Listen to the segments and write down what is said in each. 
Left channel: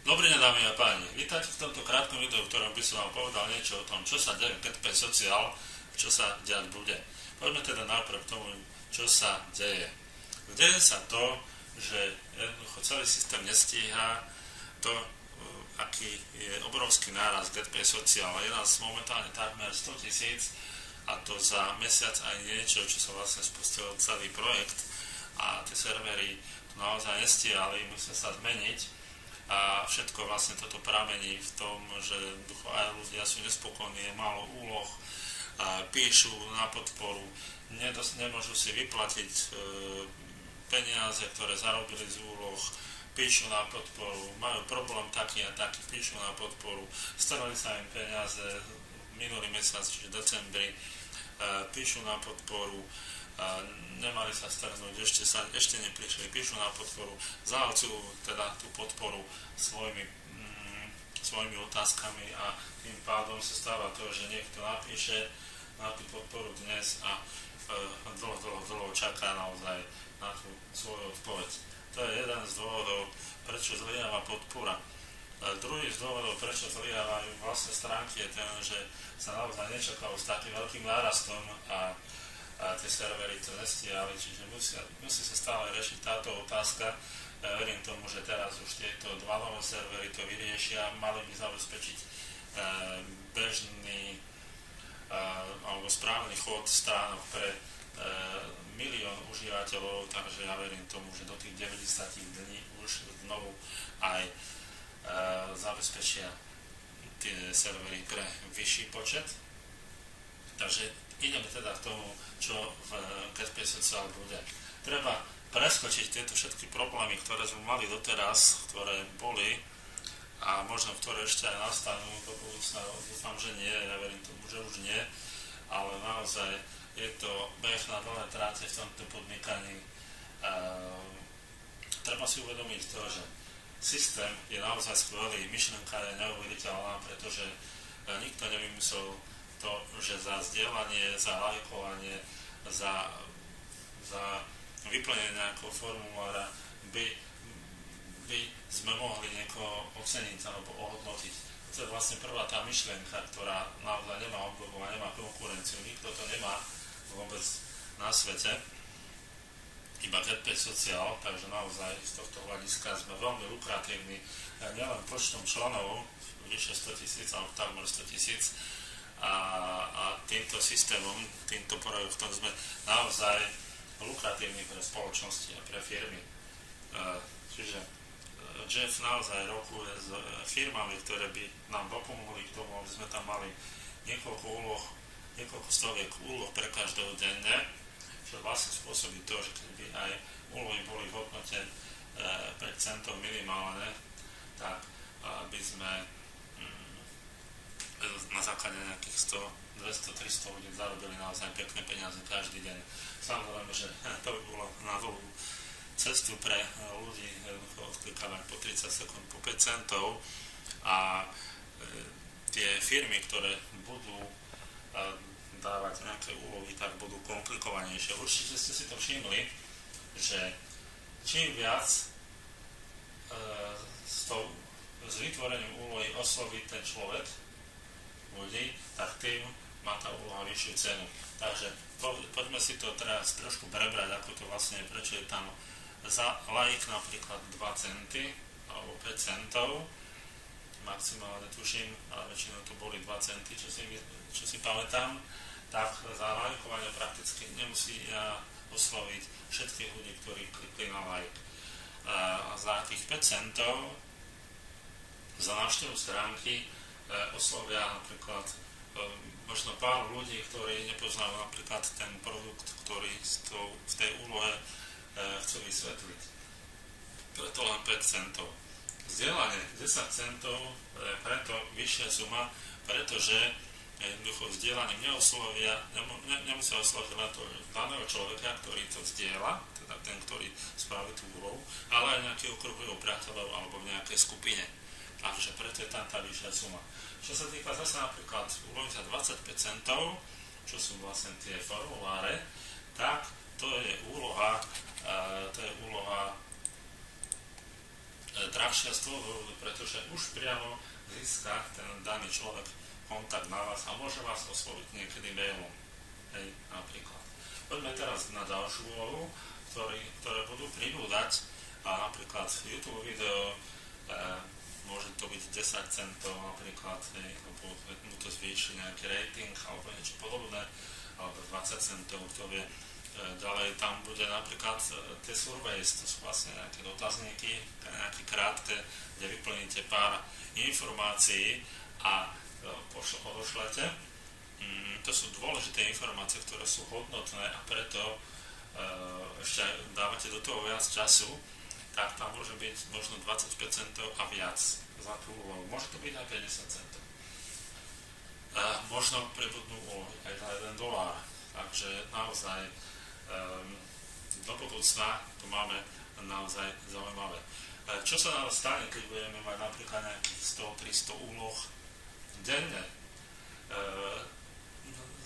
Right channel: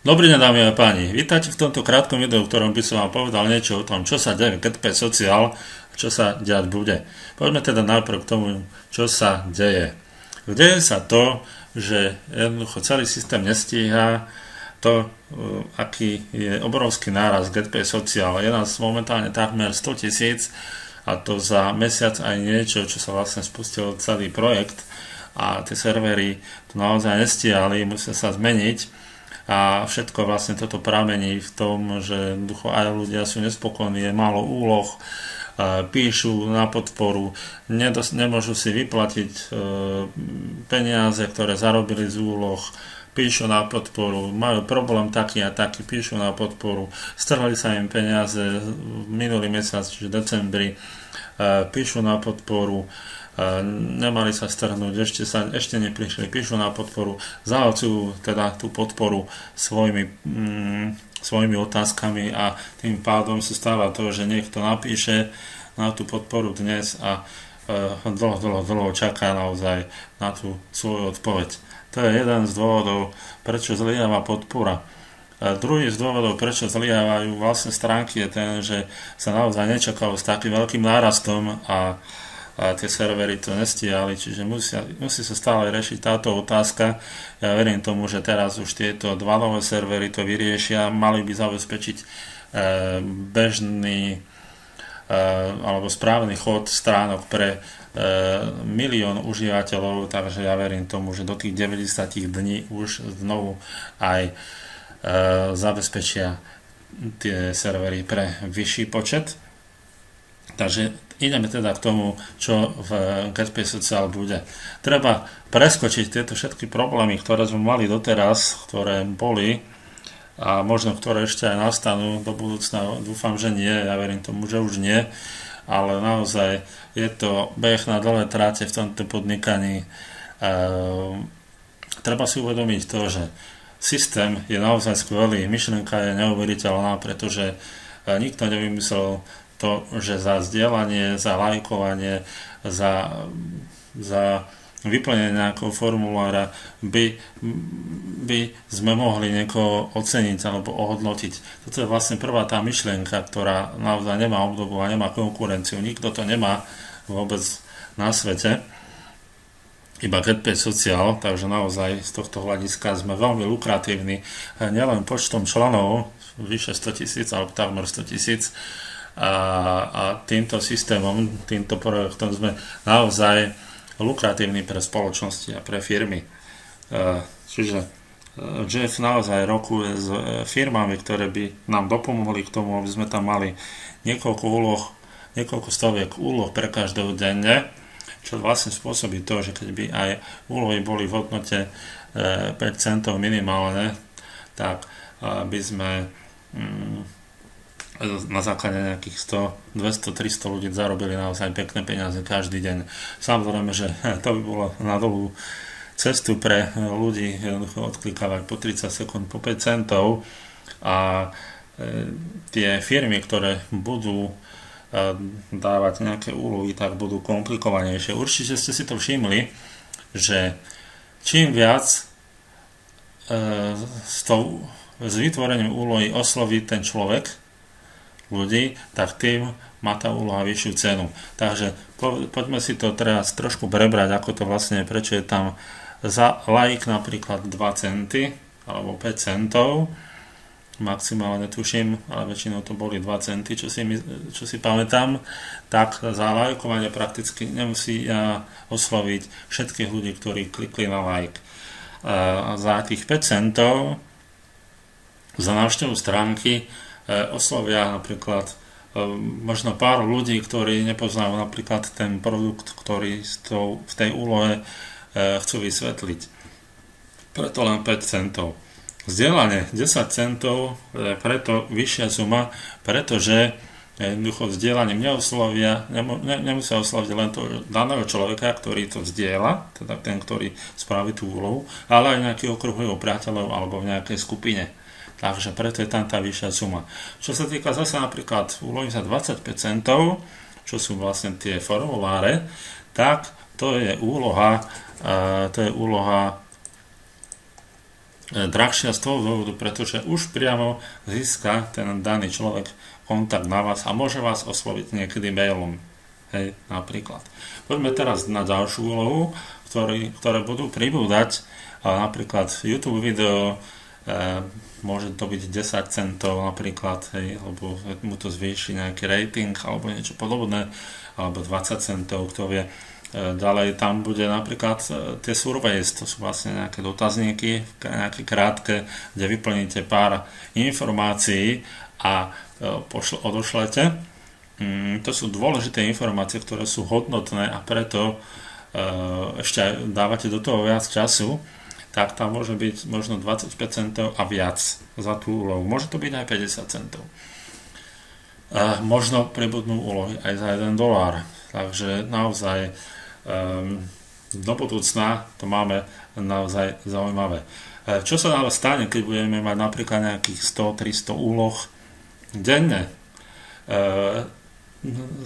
Dobrý deň, dámy a páni. Vítajte v tomto krátkom videu, v ktorom by som vám povedal niečo o tom, čo sa deje v GetPay Social a čo sa diať bude. Poďme teda najprv k tomu, čo sa deje. Deje sa to, že jednoducho celý systém nestíha to, aký je obrovský náraz GetPay Social. Je nás momentálne takmer 100 000 a to za mesiac aj niečo, čo sa vlastne spustil celý projekt a tie servery to naozaj nestíhali, musia sa zmeniť. A všetko vlastne toto pramení v tom, že aj ľudia sú nespokojní, je málo úloh, píšu na podporu, nemôžu si vyplatiť peniaze, ktoré zarobili z úloh, píšu na podporu, majú problém taký a taký, píšu na podporu, strhli sa im peniaze minulý mesiac, čiže decembri, píšu na podporu, nemali sa strhnúť, ešte neprišli, píšu na podporu, zahlcujú teda tú podporu svojimi otázkami a tým pádom sa stáva to, že niekto napíše na tú podporu dnes a dlho čaká naozaj na tú svoju odpoveď. To je jeden z dôvodov, prečo zlyháva podpora. Druhý z dôvodov, prečo zlyhávajú vlastne stránky, je ten, že sa naozaj nečakalo s takým veľkým nárastom a tie servery to nestíhali, čiže musí sa stále riešiť táto otázka. Ja verím tomu, že teraz už tieto dva nové servery to vyriešia, mali by zabezpečiť bežný alebo správny chod stránok pre milión užívateľov, takže ja verím tomu, že do tých 90 dní už znovu aj zabezpečia tie servery pre vyšší počet. Takže ideme teda k tomu, čo v GetPay Social bude. Treba preskočiť tieto všetky problémy, ktoré sme mali doteraz, ktoré boli a možno ktoré ešte aj nastanú do budúcna. Dúfam, že nie, ja verím tomu, že už nie, ale naozaj je to beh na dlhé tráte v tomto podnikaní. Treba si uvedomiť to, že systém je naozaj skvelý, myšlienka je neuveriteľná, pretože nikto nevymyslel to, že za zdieľanie, za lajkovanie, za vyplnenie nejakého formulára by sme mohli niekoho oceniť alebo ohodnotiť. Toto je vlastne prvá tá myšlienka, ktorá naozaj nemá obdobu a nemá konkurenciu. Nikto to nemá vôbec na svete, iba GetPay Social, takže naozaj z tohto hľadiska sme veľmi lukratívni, nielen počtom členov, vyše 100 000 alebo takmer 100 000, a týmto systémom, týmto projektom sme naozaj lukratívni pre spoločnosti a pre firmy. Čiže Jeff naozaj rokuje s firmami, ktoré by nám dopomohli k tomu, aby sme tam mali niekoľko stoviek úloh pre každého denne, čo vlastne spôsobí to, že keď by aj úlohy boli v hodnote 5 centov minimálne, tak by sme na základe nejakých 100, 200, 300 ľudí zarobili naozaj pekné peniaze každý deň. Samozrejme, že to by bolo na dlhú cestu pre ľudí jednoducho odklikávať po 30 sekúnd po 5 centov a tie firmy, ktoré budú dávať nejaké úlohy, tak budú komplikovanejšie. Určite ste si to všimli, že čím viac s vytvorením úlohy osloví ten človek ľudí, tak tým má tá úloha vyššiu cenu. Takže poďme si to teraz trošku prebrať, ako to vlastne je, prečo je tam za like napríklad 2 centy alebo 5 centov, maximálne tuším, ale väčšinou to boli 2 centy, čo si pamätám, tak za lajkovanie prakticky nemusí osloviť všetkých ľudí, ktorí klikli na like. A za tých 5 centov za návštevu stránky oslovia napríklad možno pár ľudí, ktorí nepoznajú napríklad ten produkt, ktorý v tej úlohe chcú vysvetliť. Preto len 5 centov. Zdieľanie 10 centov je preto vyššia suma, pretože jednoducho vzdieľaním nemusia osloviť len toho daného človeka, ktorý to zdieľa, teda ten, ktorý spraví tú úlohu, ale aj nejaký okruh jeho priateľov alebo v nejakej skupine. Takže preto je tam tá vyššia suma. Čo sa týka zase napríklad úlohy za 25 centov, čo sú vlastne tie formuláre, tak to je úloha drahšia z toho dôvodu, pretože už priamo získa ten daný človek kontakt na vás a môže vás osloviť niekedy mailom. Hej, napríklad. Poďme teraz na ďalšiu úlohu, ktoré budú pribúdať, napríklad YouTube video, môže to byť 10 centov napríklad, hej, alebo mu to zvýši nejaký rating alebo niečo podobné, alebo 20 centov, kto vie. Ďalej tam bude napríklad tie surveys, to sú vlastne nejaké dotazníky, nejaké krátke, kde vyplníte pár informácií a odošlete. To sú dôležité informácie, ktoré sú hodnotné a preto ešte dávate do toho viac času, tak tam môže byť možno 25 centov a viac za tú úlohu. Môže to byť aj 50 centov. Možno pribudnú úlohy aj za $1. Takže naozaj do budúcna to máme naozaj zaujímavé. Čo sa ale stane, keď budeme mať napríklad nejakých 100-300 úloh denne?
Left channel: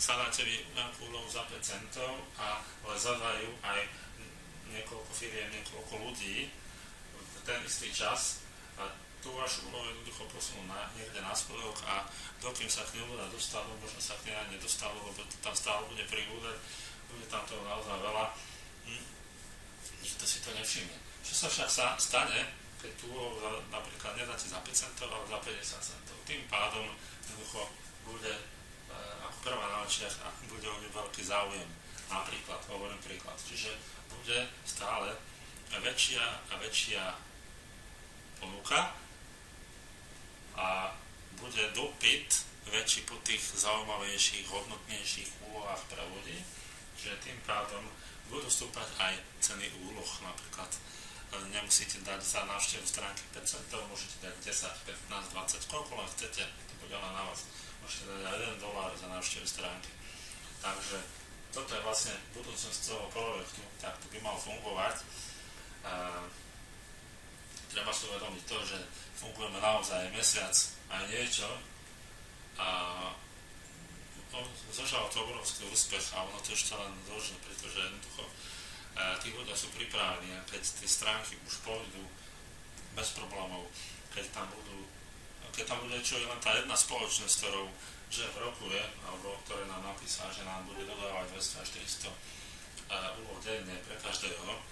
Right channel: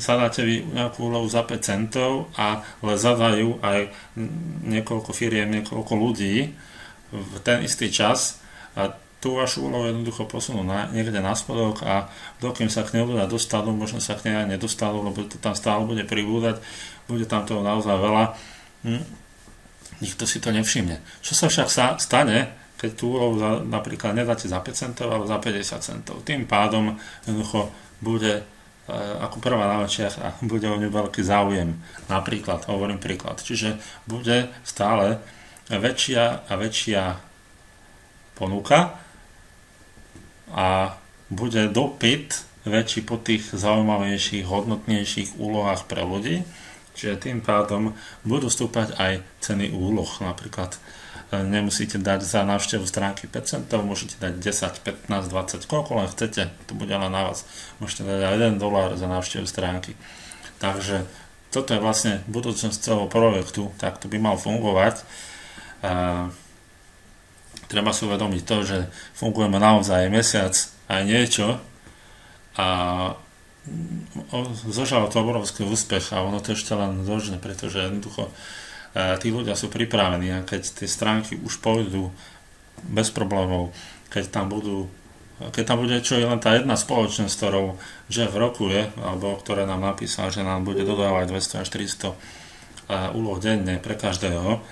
Zadáte vy nejakú úlohu za 5 centov, ale zadajú aj niekoľko firiem, niekoľko ľudí v ten istý čas a tú vašu úlohu jednoducho posunú niekde na spodok a dokým sa k nej ľudia dostanú, možno sa k nej aj nedostanú, lebo to tam stále bude pribúdať, bude tam toho naozaj veľa, nikto si to nevšimne. Čo sa však stane, keď tú úlohu napríklad nedáte za 5 centov, ale za 50 centov? Tým pádom jednoducho bude ako prvá na očiach a bude o ňu veľký záujem. Napríklad, hovorím príklad. Čiže bude stále väčšia a väčšia ponuka a bude dopyt väčší po tých zaujímavejších, hodnotnejších úlohách pre ľudí. Čiže tým pádom budú stúpať aj ceny úloh. Napríklad nemusíte dať za návštevu stránky 5 centov, môžete dať 10, 15, 20, koľko len chcete, to bude len na vás. Môžete dať aj $1 za návštevu stránky. Takže toto je vlastne budúcnosť celého projektu, tak to by mal fungovať. Treba si uvedomiť to, že fungujeme naozaj mesiac aj niečo a zožal to obrovský úspech a ono to ešte len zožne, pretože jednoducho tí ľudia sú pripravení a keď tie stránky už pôjdu bez problémov, keď tam bude čo je len tá jedna spoločnosť, ktorou že v roku je, alebo ktoré nám napísal, že nám bude dodávať 200 až 400 úloh denne pre každého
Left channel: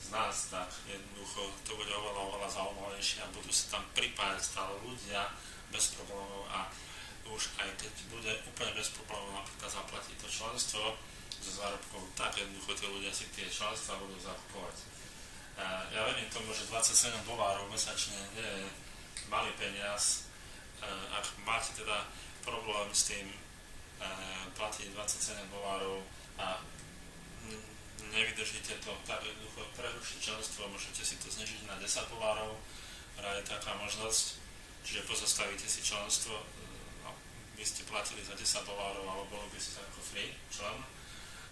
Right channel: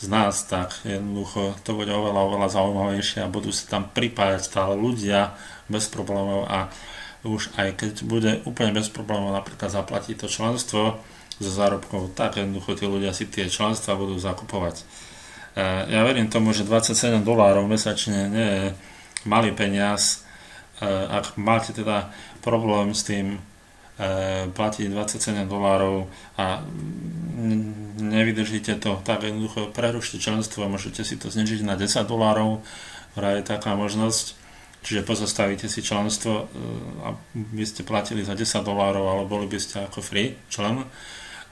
z nás, tak jednoducho to bude oveľa zaujímavejšie a budú sa tam pripájať stále ľudia bez problémov a už aj keď bude úplne bez problémov napríklad zaplatiť to členstvo zo zárobkov, tak jednoducho tí ľudia si tie členstva budú zakupovať. Ja verím tomu, že $27 mesačne nie je malý peniaz. Ak máte teda problém s tým platiť $27 a nevydržíte to, tak jednoducho prerušte členstvo a môžete si to znižiť na $10, vraj je taká možnosť. Čiže pozastavíte si členstvo a by ste platili za $10, ale boli by ste ako free člen,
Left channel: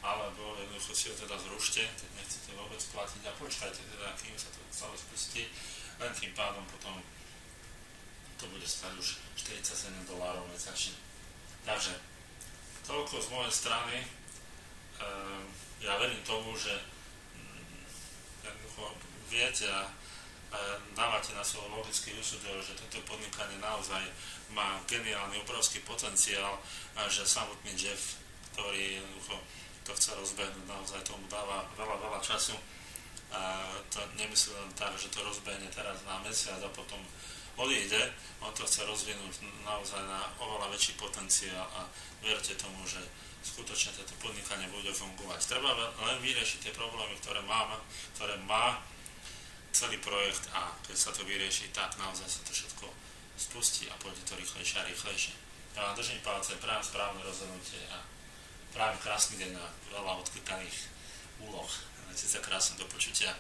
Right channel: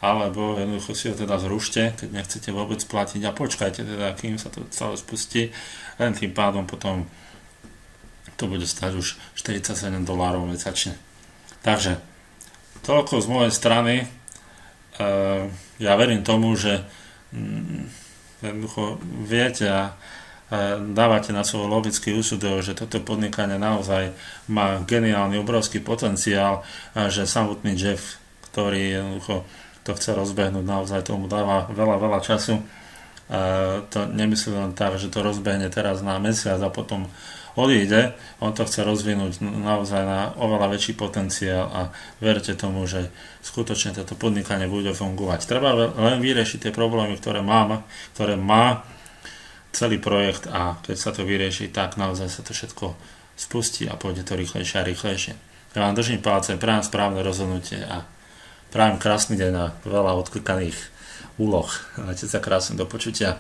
alebo jednoducho si ho teda zrušte, keď nechcete vôbec platiť a počkajte teda, kým sa to celé spustí, len tým pádom potom to bude stať už $47 mesačne. Takže toľko z mojej strany. Ja verím tomu, že jednoducho viete a dávate na svoj logický úsudok, že toto podnikanie naozaj má geniálny, obrovský potenciál a že samotný Jeff, ktorý jednoducho to chce rozbehnúť, naozaj tomu dáva veľa času. To nemyslí len tak, že to rozbehne teraz na mesiac a potom odíde. On to chce rozvinúť naozaj na oveľa väčší potenciál a verte tomu, že skutočne toto podnikanie bude fungovať. Treba len vyriešiť tie problémy, ktoré má celý projekt a keď sa to vyrieši, tak naozaj sa to všetko spustí a pôjde to rýchlejšie a rýchlejšie. Ja vám držím palce, prajem správne rozhodnutie a prajem krásny deň a veľa odklikaných úloh. Majte sa krásne, do počutia.